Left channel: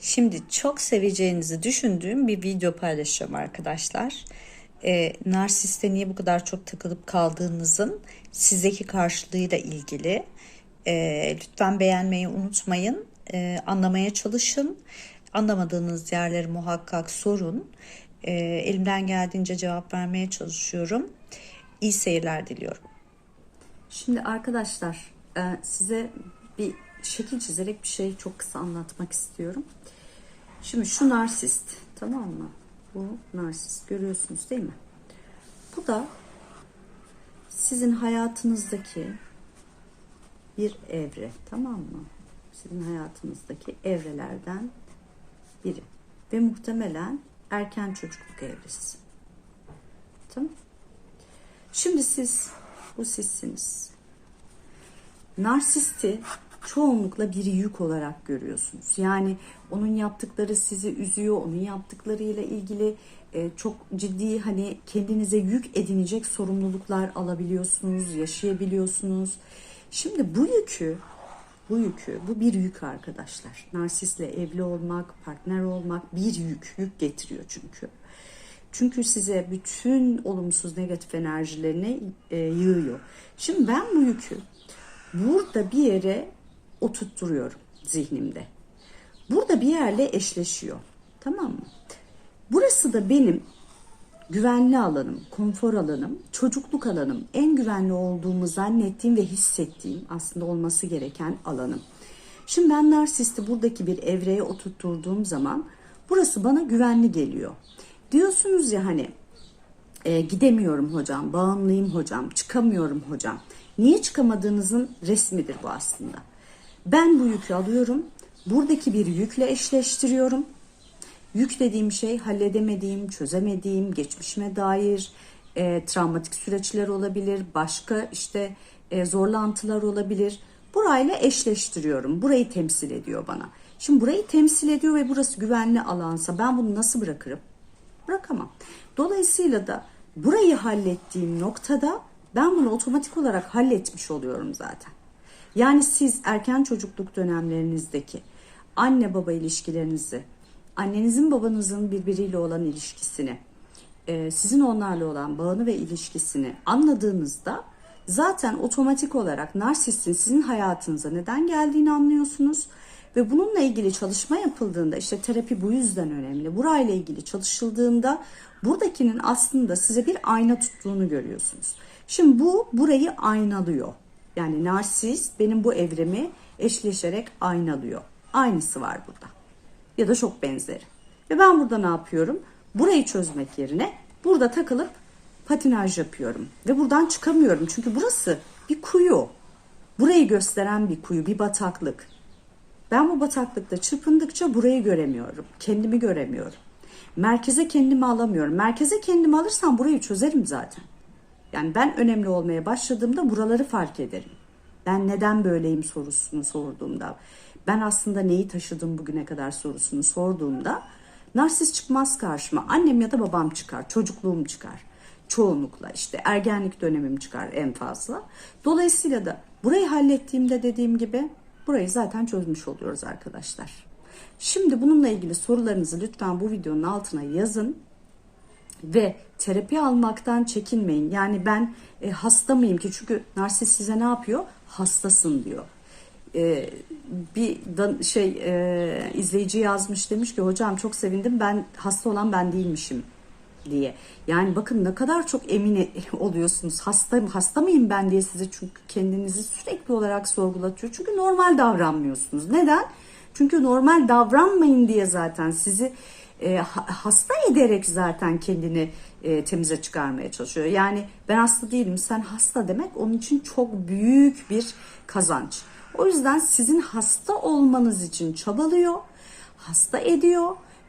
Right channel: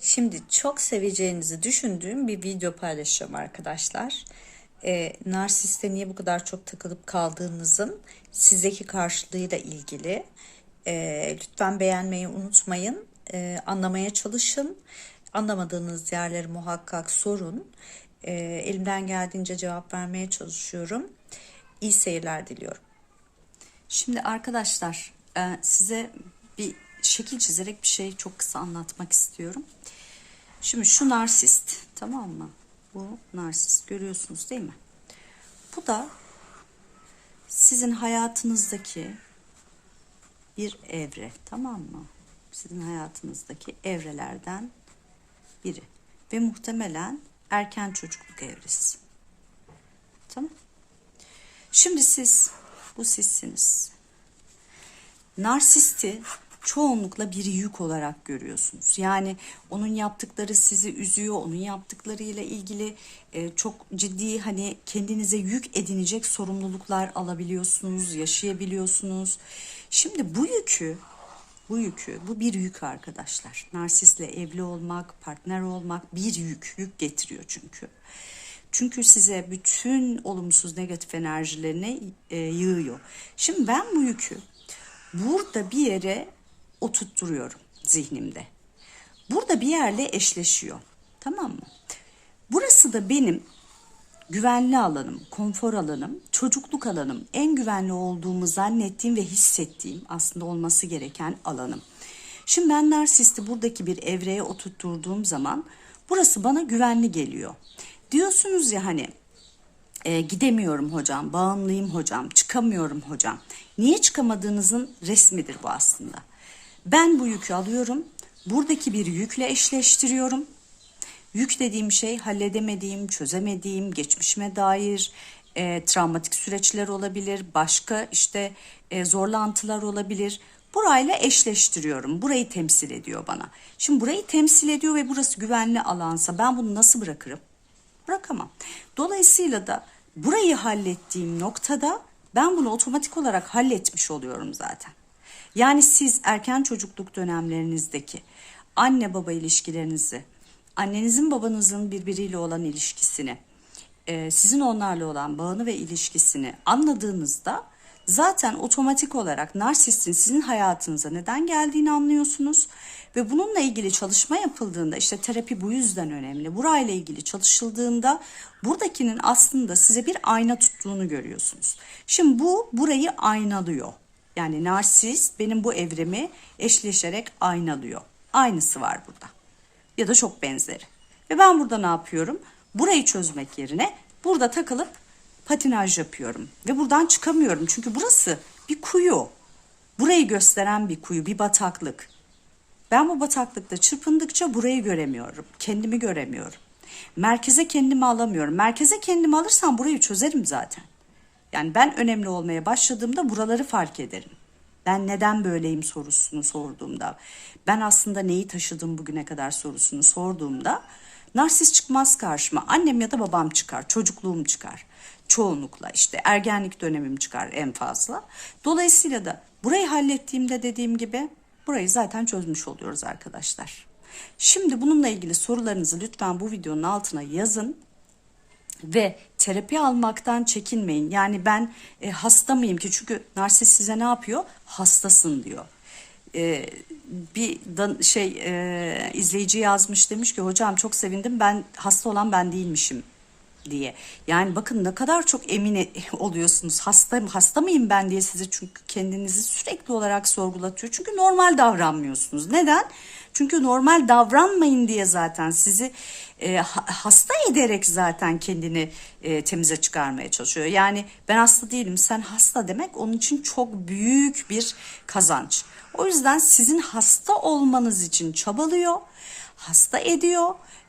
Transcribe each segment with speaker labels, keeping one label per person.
Speaker 1: Şimdi çok seveceğinizi düşündüğüm bir video paylaşacağım arkadaşlar. Ee, narsiste niye bu kadar çok takılıp kaldığınızın sizdeki karşılığıyla ilgili. Ee, lütfen beğenmeyi unutmayın. Ee, anlamaya çalışın. Anlamadığınız yerleri muhakkak sorun. Ee, elimden geldiğince cevap vermeye çalışıyorum. İyi seyirler diliyorum.
Speaker 2: Şimdi arkadaşlar e, size bir şekil çizerek bir şey çok kısa anlatmak istiyorum. Şimdi şu narsist tamam mı? Bu narsist görüyorsunuz değil mi? Bu da sizin hayatınızdaki bir evre tamam mı? Sizin hayatınızdaki evrelerden biri ve muhtemelen erken çocukluk evresi. Tamam. Şimdi siz bu sizsiniz. Narsisti çoğunlukla bir yük olarak görüyorsunuz. Yani onun yaptıkları sizi üzüyor, onun yaptıklarıyla ilgili e, çok ciddi hani kendinize yük edinecek sorumluluklar alabiliyorsunuz, yaşayabiliyorsunuz. Şimdi bu yükü bu yükü, bu bir yük arkadaşlar. Narsistle evli olmak, partner olmak bir yük, yük getiriyor çünkü. Çünkü size bütün olumsuz negatif enerjilerini e, yığıyor. Şimdi ben bu yükü burada bir yere oturtturuyorum zihnimde. Burada bir yerle eşleşiyor. Tamam mı? Burası da benim güvenli alanım, konfor alanım, çocukluk alanım, en güvenli olduğumu zannettiğim ve hissettiğim aslında olması gereken alanım. Şimdi ben narsisti buradaki bir evreye oturtturduğum zaman burası bana güvenli geliyor. Diyorsunuz ya hani e, gidemiyorum hocam, bağımlıyım hocam, çıkamıyorum hocam. Niye çıkamadığınızın resmidir bu aslında. Ben bu yükü alıyorum, buradaki bir yükle eşleştiriyorum. Yük dediğim şey halledemediğim, çözemediğim, geçmişime dair e, travmatik süreçler olabilir, başka işte e, zorlantılar olabilir. Burayla eşleştiriyorum. Burayı temsil ediyor bana. Şimdi burayı temsil ediyor ve burası güvenli alansa ben bunu nasıl bırakırım? Bırakamam. Dolayısıyla da burayı hallettiğim noktada ben bunu otomatik olarak halletmiş oluyorum zaten. Yani siz erken çocukluk dönemlerinizdeki anne baba ilişkilerinizi, annenizin babanızın birbiriyle olan ilişkisini, e, sizin onlarla olan bağını ve ilişkisini anladığınızda zaten otomatik olarak narsistin sizin hayatınıza neden geldiğini anlıyorsunuz. Ve bununla ilgili çalışma yapıldığında işte terapi bu yüzden önemli. Burayla ilgili çalışıldığında buradakinin aslında size bir ayna tuttuğunu görüyorsunuz. Şimdi bu burayı aynalıyor. Yani narsist benim bu evremi eşleşerek aynalıyor. Aynısı var burada. Ya da çok benzeri. Ve ben burada ne yapıyorum? Burayı çözmek yerine burada takılıp patinaj yapıyorum. Ve buradan çıkamıyorum. Çünkü burası bir kuyu. Burayı gösteren bir kuyu, bir bataklık. Ben bu bataklıkta çırpındıkça burayı göremiyorum. Kendimi göremiyorum. Merkeze kendimi alamıyorum. Merkeze kendimi alırsam burayı çözerim zaten. Yani ben önemli olmaya başladığımda buraları fark ederim. Ben neden böyleyim sorusunu sorduğumda, ben aslında neyi taşıdım bugüne kadar sorusunu sorduğumda narsist çıkmaz karşıma. Annem ya da babam çıkar, çocukluğum çıkar. Çoğunlukla işte ergenlik dönemim çıkar en fazla. Dolayısıyla da burayı hallettiğimde dediğim gibi burayı zaten çözmüş oluyoruz arkadaşlar. Şimdi bununla ilgili sorularınızı lütfen bu videonun altına yazın ve terapi almaktan çekinmeyin. Yani ben e, hasta mıyım ki? Çünkü narsist size ne yapıyor? Hastasın diyor. E, bir da, şey e, izleyici yazmış demiş ki hocam çok sevindim ben hasta olan ben değilmişim diye. Yani bakın ne kadar çok emin oluyorsunuz. Hasta hasta mıyım ben diye size çünkü kendinizi sürekli olarak sorgulatıyor. Çünkü normal davranmıyorsunuz. Neden? Çünkü normal davranmayın diye zaten sizi e, hasta ederek zaten kendini e, temize çıkarmaya çalışıyor. Yani ben hasta değilim sen hasta demek onun için çok büyük bir kazanç. O yüzden sizin hasta olmanız için çabalıyor, hasta ediyor.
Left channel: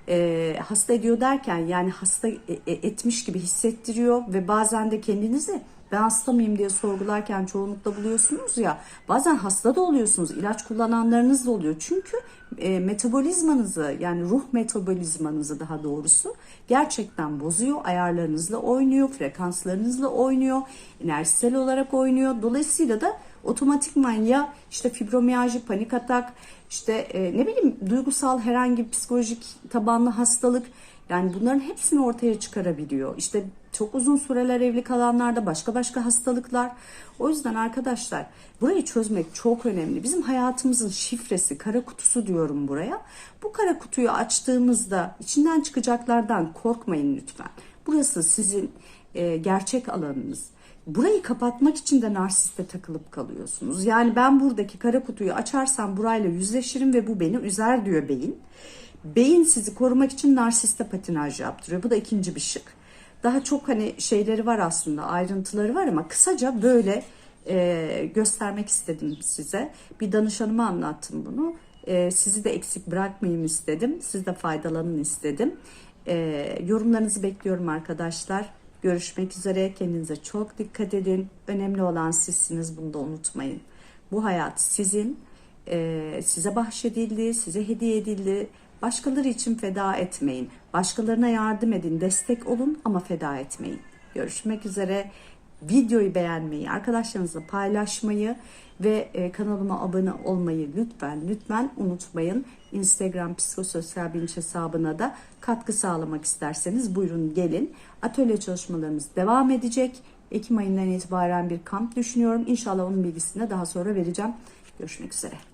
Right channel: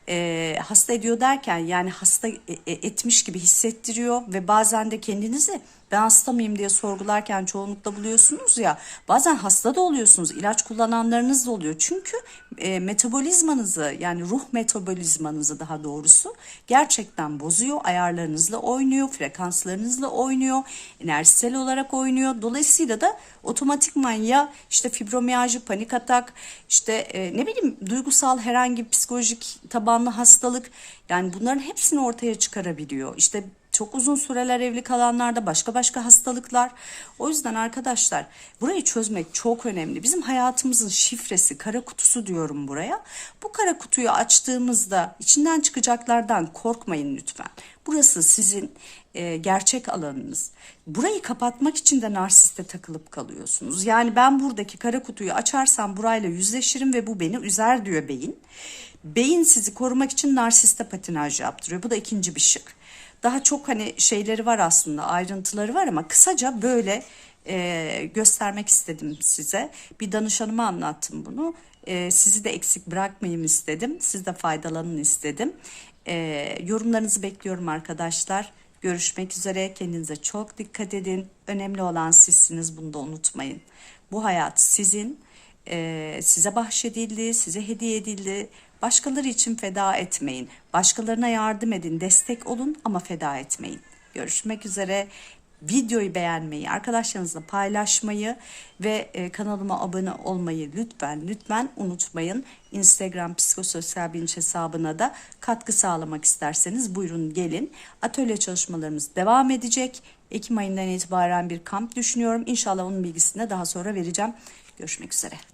Speaker 2: E, hasta ediyor derken yani hasta e, e, etmiş gibi hissettiriyor ve bazen de kendinizi ben hasta mıyım diye sorgularken çoğunlukla buluyorsunuz ya bazen hasta da oluyorsunuz ilaç kullananlarınız da oluyor çünkü e, metabolizmanızı yani ruh metabolizmanızı daha doğrusu gerçekten bozuyor ayarlarınızla oynuyor frekanslarınızla oynuyor enerjisel olarak oynuyor dolayısıyla da otomatikman ya işte fibromiyalji, panik atak, işte e, ne bileyim duygusal herhangi bir psikolojik tabanlı hastalık yani bunların hepsini ortaya çıkarabiliyor. İşte çok uzun süreler evli kalanlarda başka başka hastalıklar. O yüzden arkadaşlar burayı çözmek çok önemli. Bizim hayatımızın şifresi, kara kutusu diyorum buraya. Bu kara kutuyu açtığımızda içinden çıkacaklardan korkmayın lütfen. Burası sizin e, gerçek alanınız. Burayı kapatmak için de narsiste takılıp kalıyorsunuz. Yani ben buradaki kara kutuyu açarsam burayla yüzleşirim ve bu beni üzer diyor beyin. Beyin sizi korumak için narsiste patinaj yaptırıyor. Bu da ikinci bir şık. Daha çok hani şeyleri var aslında ayrıntıları var ama kısaca böyle e, göstermek istedim size. Bir danışanıma anlattım bunu. E, sizi de eksik bırakmayayım istedim. Siz de faydalanın istedim. E, yorumlarınızı bekliyorum arkadaşlar. Görüşmek üzere. Kendinize çok dikkat edin. Önemli olan sizsiniz. Bunu da unutmayın. Bu hayat sizin. e, size bahşedildi, size hediye edildi. Başkaları için feda etmeyin. Başkalarına yardım edin, destek olun ama feda etmeyin. Görüşmek üzere. Videoyu beğenmeyi, arkadaşlarınızla paylaşmayı ve e, kanalıma abone olmayı lütfen lütfen unutmayın. Instagram psikososyal bilinç hesabına da katkı sağlamak isterseniz buyurun gelin. Atölye çalışmalarımız devam edecek. Ekim ayından itibaren bir kamp düşünüyorum. İnşallah onun bilgisini de daha sonra vereceğim. Görüşmek üzere.